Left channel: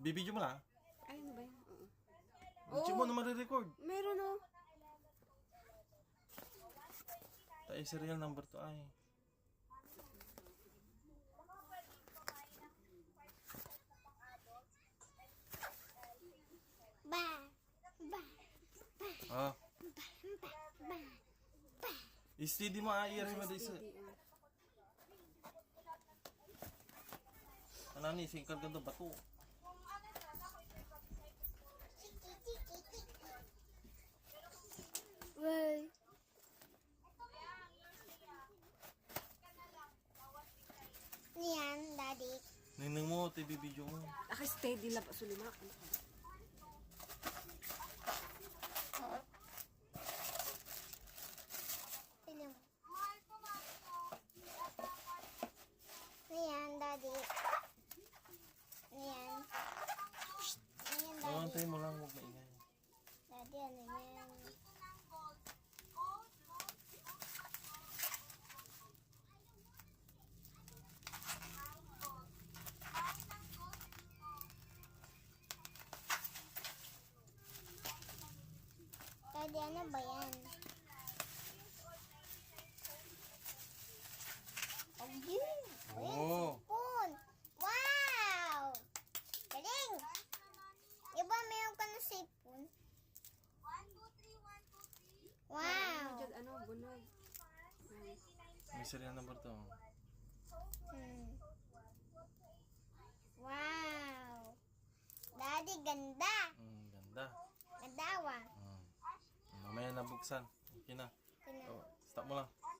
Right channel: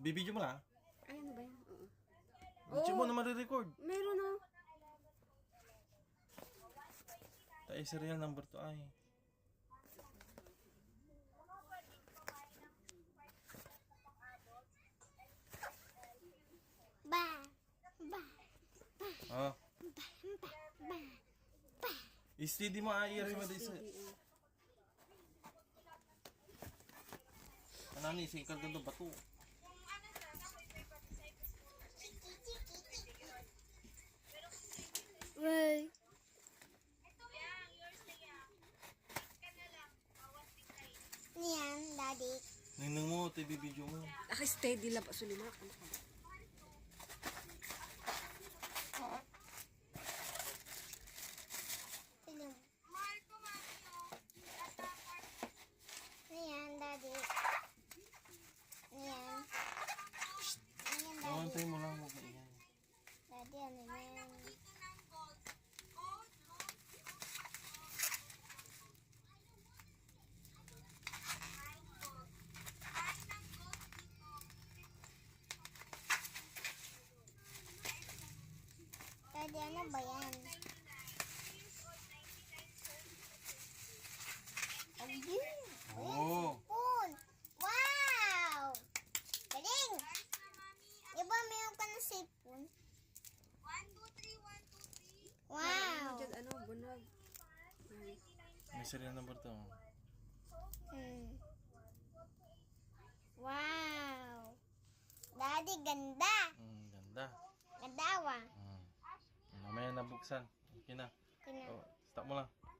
Bibidyo mo na? Ay, ano ba yan? Oo. Video mo na marirecord. Meron oh. Tayo serial number to ay. Ba. Ah. Steady mo ay mo dito. Ano ni singkal ganto bato. Well. Niyan, daddy. Ninang mo, TV video mo. Ako steady lang pa sulimak. Sino? Niyan, daddy. Niyan. Niyan, daddy. Antay mo lang, huwag maingay. Daddy, ano yan? Daddy, ano ba yan? Oh. Spoon! Wow! Galing! Di ba meron ka na sipon? 1, 2, 3, 1, 2, 3. Wow! Diyan, ano, bunag. May serial number to. Wow! Daddy, ganda! Ganda. Ganda, Mamaya nabuksan. Okay na. Kina. Oh, stop mo lang.